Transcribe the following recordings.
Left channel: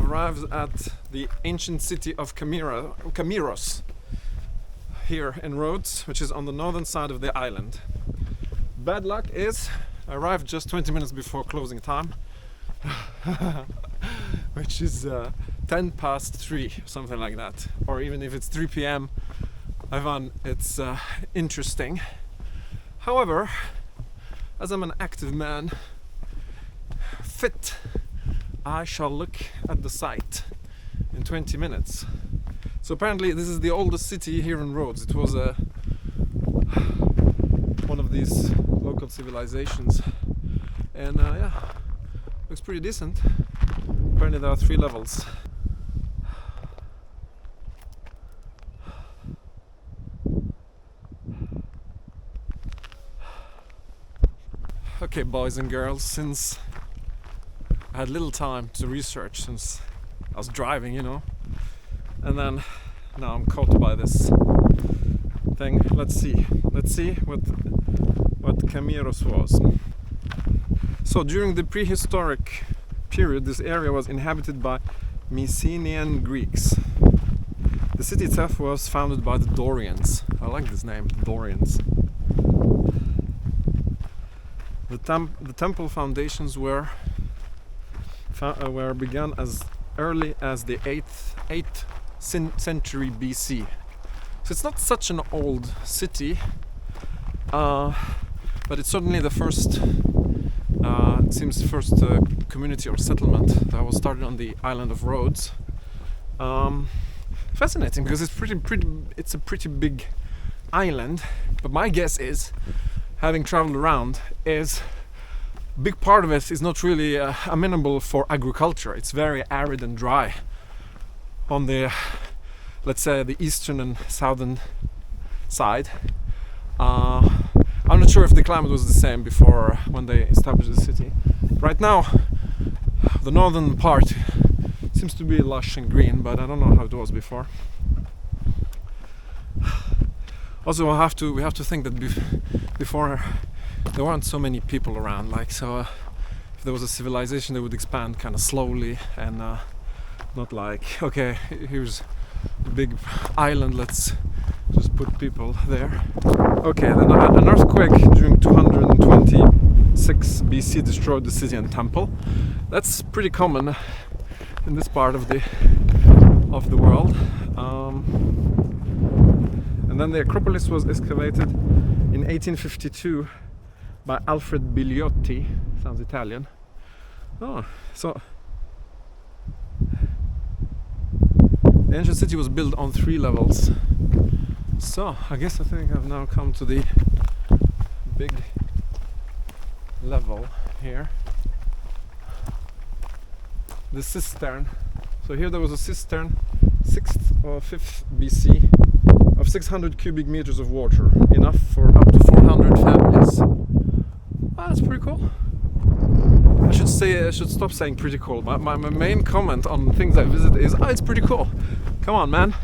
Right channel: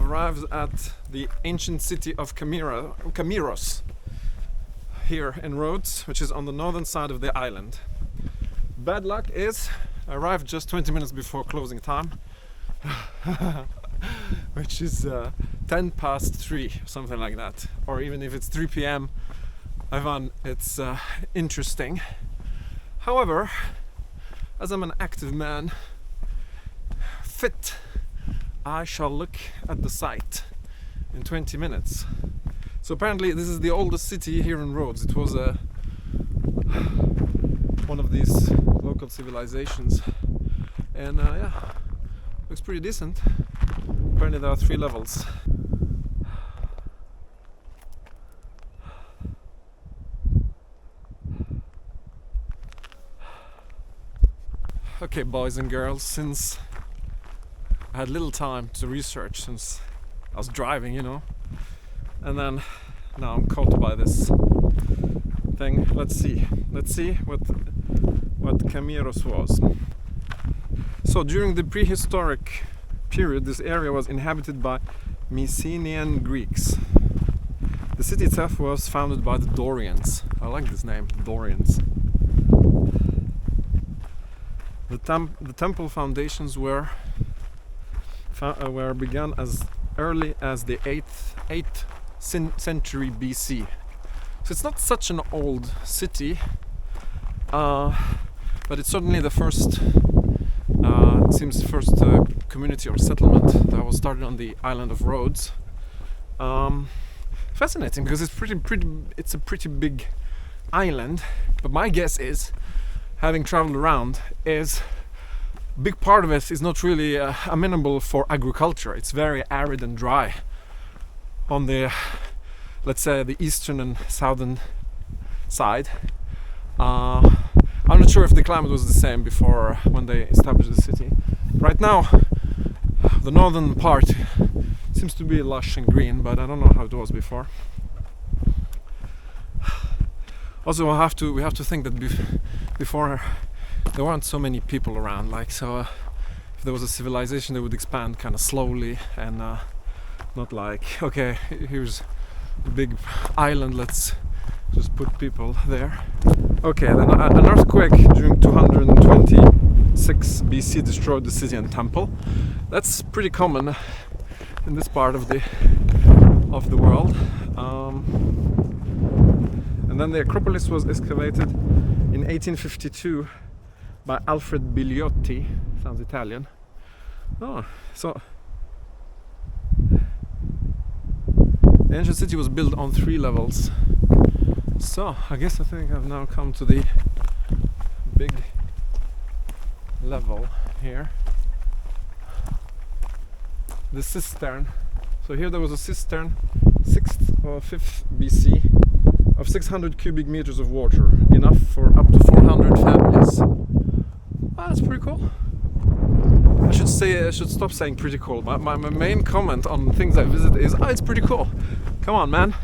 I've arrived at the ancient city of Kamiros here in Rhodes, which is on the northern side of the island. Bad luck is I arrived just 20 minutes before closing time, which is 10 past 3, something like that. Or even if it's 3 p.m, I find it's interesting. However, as I'm an active man, fit, I shall look at the site in 20 minutes. So apparently this is the oldest city here in Rhodes. It was one of these local civilizations, and yeah, looks pretty decent. Apparently there are 3 levels. Okay, boys and girls, since I had little time to research since I was driving, you know, and then now I'm caught by this thing. Let's see what Kamiros was. So during the prehistoric period, this area was inhabited by Mycenaean Greeks. The city itself was founded by the Dorians. I like this name, Dorians. The temple foundations were begun as early as the 8th century BC. So it's not such an old city, but it's certainly the first, it seems, first community or settlement that was started on the island of Rhodes. Fascinating, because it's a pretty big island. But my guess is, having traveled around, is a big part of it is not really amenable for agriculture. It's very arid and dry on the, let's say, the eastern and southern side. I'm not sure if the climate was the same before when they established the city. Right now, the northern part seems to be lush and green, but I don't know how it was before. Also, we have to think that before there weren't so many people around. Like, so if there was a civilization, they would expand kind of slowly and not like, okay, here's a big island, let's just put people there. Okay, then an earthquake during 226 BC destroyed the city and temple. That's pretty common in this part of the world. And then the Acropolis was excavated in 1852 by Alfred Bigliotti. Sounds Italian. Oh, so the ancient city was built on 3 levels. So I think I've now come to the big level here. The cistern. So here there was a cistern, 6th or 5th BC, of 600 cubic meters of water, enough for up to 400 families. Ah, that's pretty cool. I should stop saying pretty cool. My main comment on things I visit is, oh, it's pretty cool. Come on, man.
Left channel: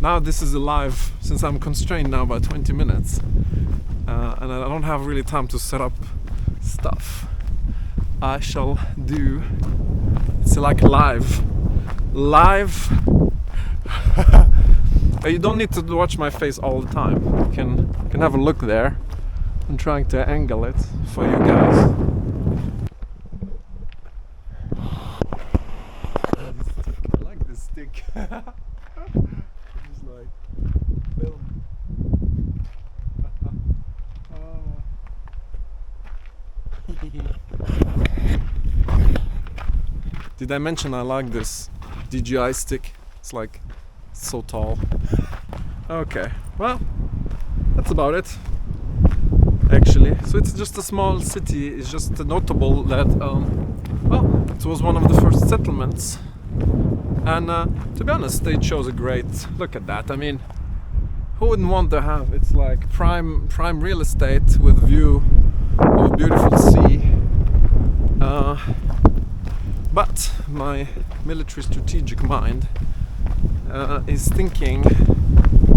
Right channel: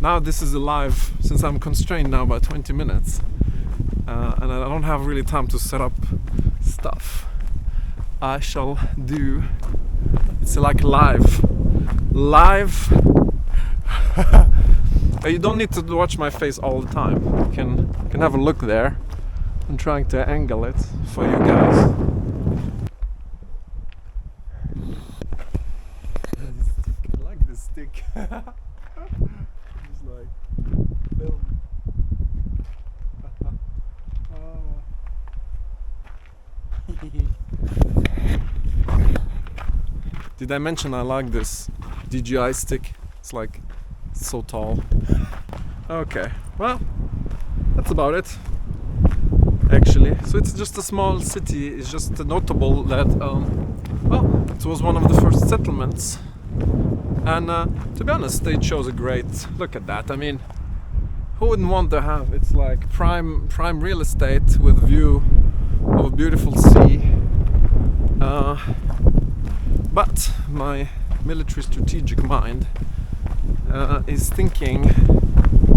Now this is alive, since I'm constrained now by 20 minutes, and I don't have really time to set up stuff. I shall do. It's like live. You don't need to watch my face all the time. You can have a look there. I'm trying to angle it for you guys. I like this stick. Just like film. Did I mention I like this DJI stick? It's like so tall. Okay, well, that's about it, actually. So it's just a small city. It's just notable that well, it was one of the first settlements, and to be honest, they chose a great, look at that. I mean, who wouldn't want to have, it's like prime real estate with view of a beautiful sea. But my military strategic mind is thinking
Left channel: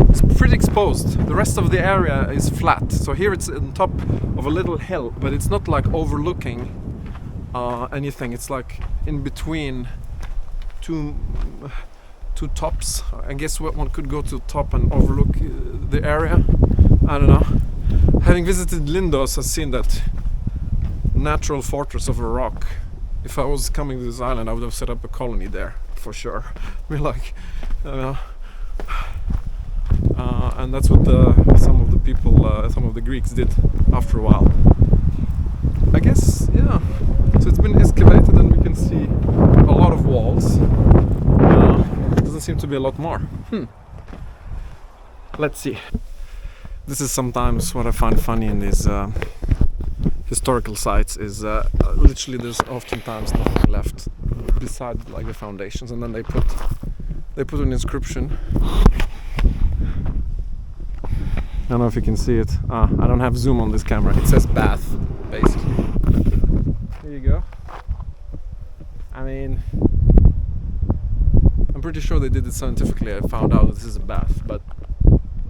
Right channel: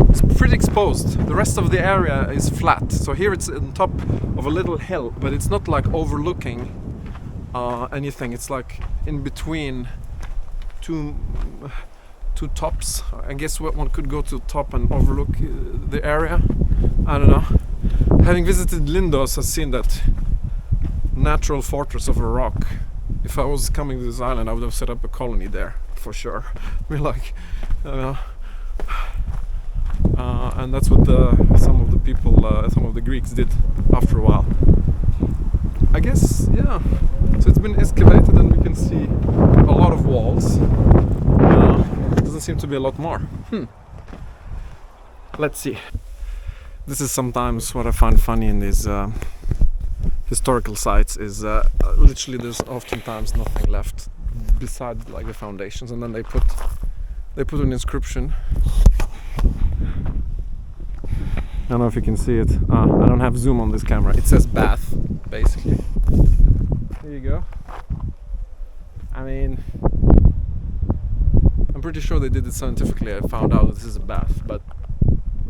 it's pretty exposed. The rest of the area is flat. So here it's on top of a little hill, but it's not like overlooking anything. It's like in between two tops. I guess one could go to the top and overlook the area. I don't know. Having visited Lindos, I've seen that natural fortress of a rock. If I was coming to this island, I would have set up a colony there for sure. I mean, like, and that's what some of the people, some of the Greeks did after a while. I guess, yeah. So it's been excavated, and we can see a lot of walls. Doesn't seem to be a lot more. Let's see. This is sometimes what I find funny in these historical sites is literally there's oftentimes nothing left beside like the foundations, and then they put an inscription. I don't know if you can see it. I don't have zoom on this camera. It says bath, basically. Here you go. I mean, I'm pretty sure they did it scientifically. I found out this is a bath, but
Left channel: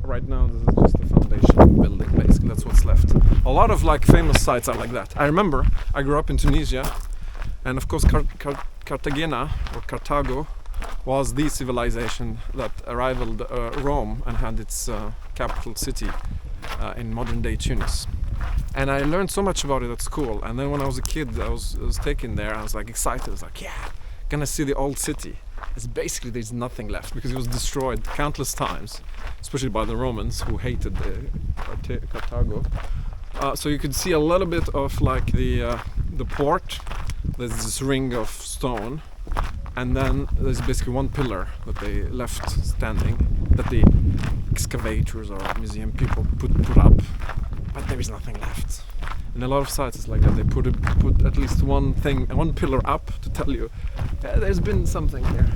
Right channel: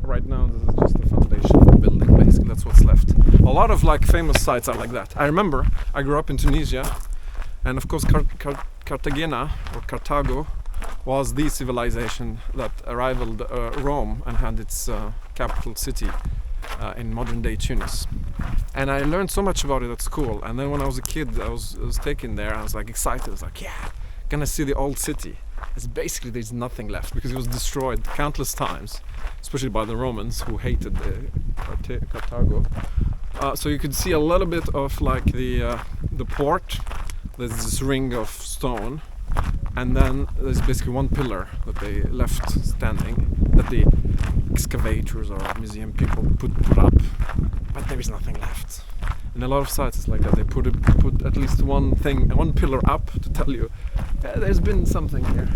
right now this is just the foundation of the building. Basically, that's what's left. A lot of like famous sites are like that. I remember I grew up in Tunisia, and of course Cartagena or Carthago was the civilization that rivaled Rome and had its capital city in modern day Tunis. And I learned so much about it at school. And then when I was a kid, I was taken there. I was like excited. I was like, yeah, gonna see the old city. It's basically there's nothing left because it was destroyed countless times, especially by the Romans who hated Carthago. So you could see a little bit of like the port. There's this ring of stone, and then there's basically one pillar that they left standing, that the excavators or museum people put up, but there is nothing left. In a lot of sites it's like that. They put at least one pillar up to tell you there's been something here.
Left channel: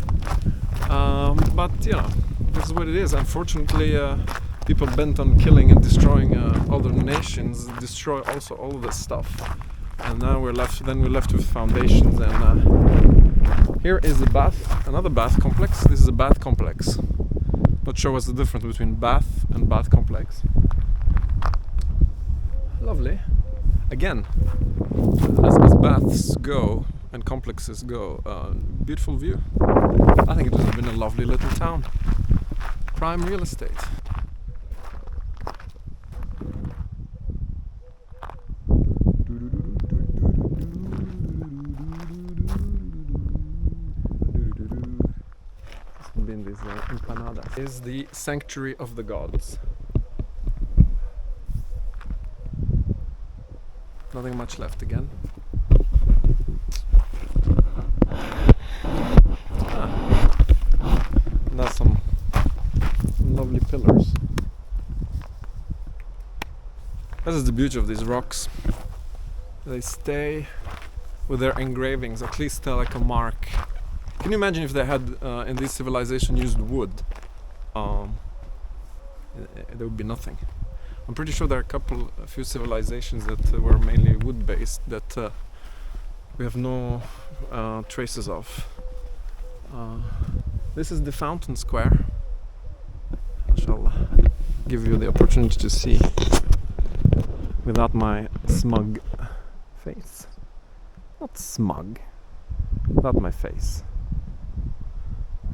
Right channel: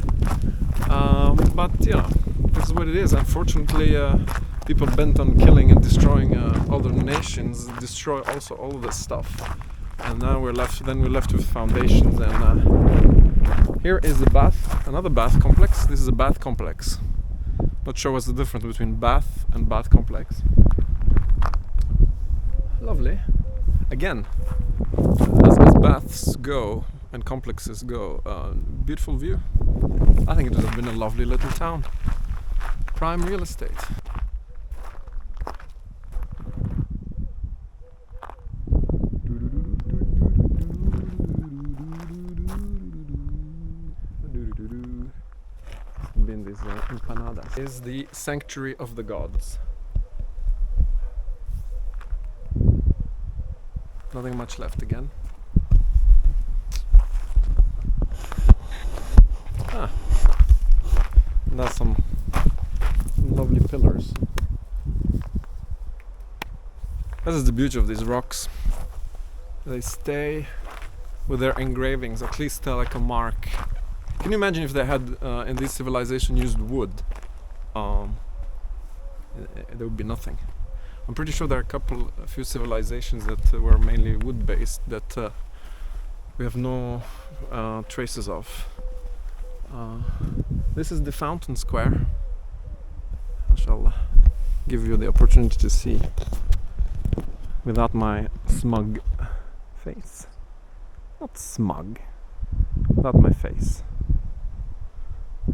But you know, this is what it is. Unfortunately, people bent on killing and destroying other nations destroy also all of this stuff. And now we're left with foundations, and here is the bath, another bath complex. This is a bath complex. Not sure what's the difference between bath and bath complex. Lovely. Again, as baths go and complexes go, beautiful view. I think it would have been a lovely little town. Prime real estate. Been this empanadas. Is the sanctuary of the gods. Nothing much left again. And there's some lovely pillars. This is the beauty of these rocks. They stay with their engravings, at least like a mark. Can you imagine if they had in this civilization used wood? There would be nothing. I'm pretty sure there are a few civilizations that were mainly wood-based that we have no traces of. This is the fountain square. I shall give you the opportunity to see without my smug face. Not smug, without my face.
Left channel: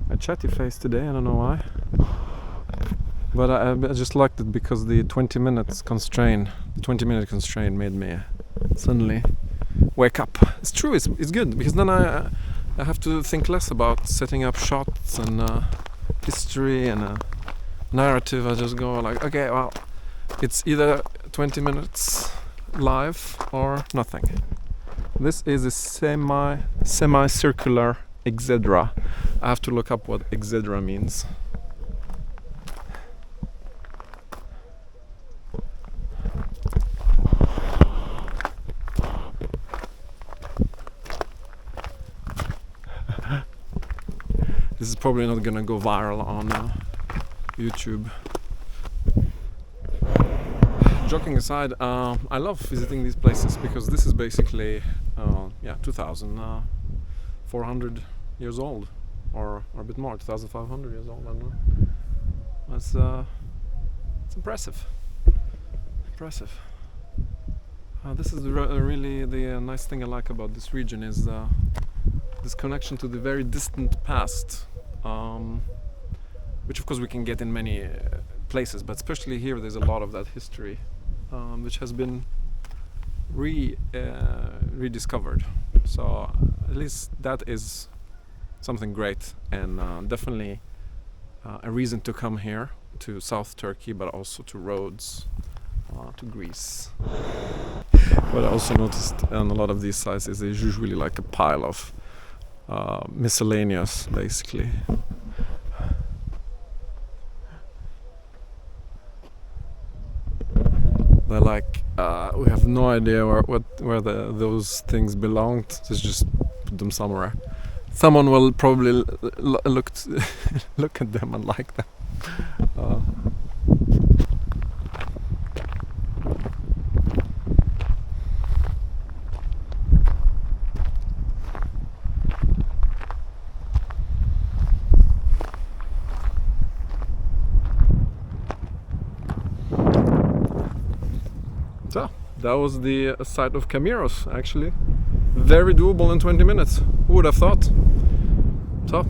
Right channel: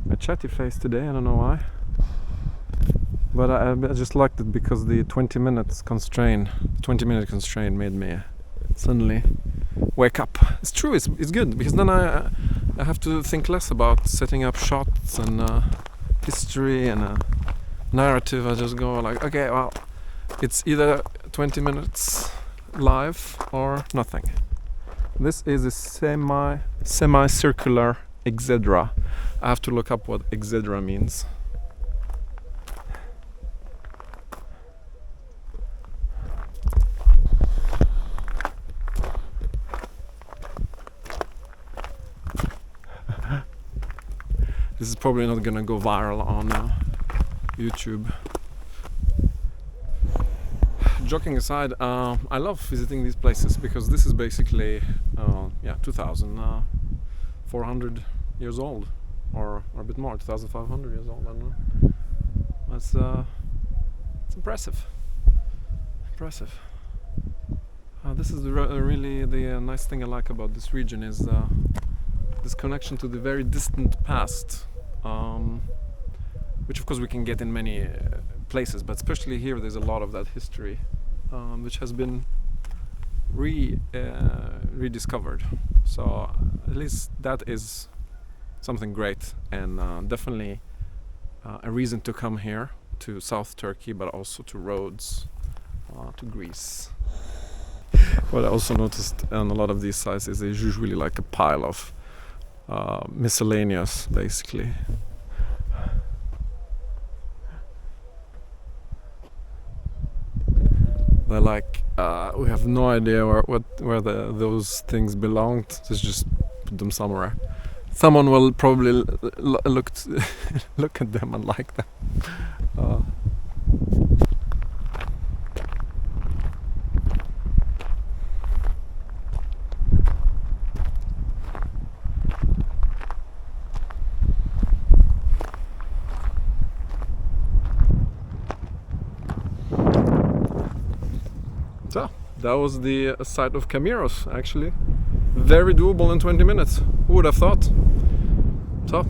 A chatty face today, I don't know why. But I just liked it because the 20-minute constraint made me suddenly wake up. It's true, it's good, because then I have to think less about setting up shots and history and narrative. I just go like, okay, well, it's either 20 minutes live or nothing. This is a semi-circular exedra. I have to look up what exedra means. This is probably not gonna go viral on YouTube. Joking aside, I love visiting these places because this is basically 2,400 years old, or a bit more, 2,500 years old. I don't know. It's impressive. This is really the nice thing I like about this region is this connection to the very distant past, which of course we can get in many places, but especially here there's a lot of that history which has been rediscovered. So at least that is something great, and definitely a reason to come here to South Turkey, but also to Rhodes, to Greece. What I also noticed on a lot of these sites is there's usually like a pile of miscellaneous, basically. They're like, we have no idea where those things belonged. Just put them somewhere. Someone will probably look at them and like them. So that was the site of Kamiros, actually. Very doable in 20 minutes. Who would have thought? So,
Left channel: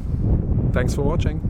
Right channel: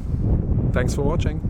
thanks for watching.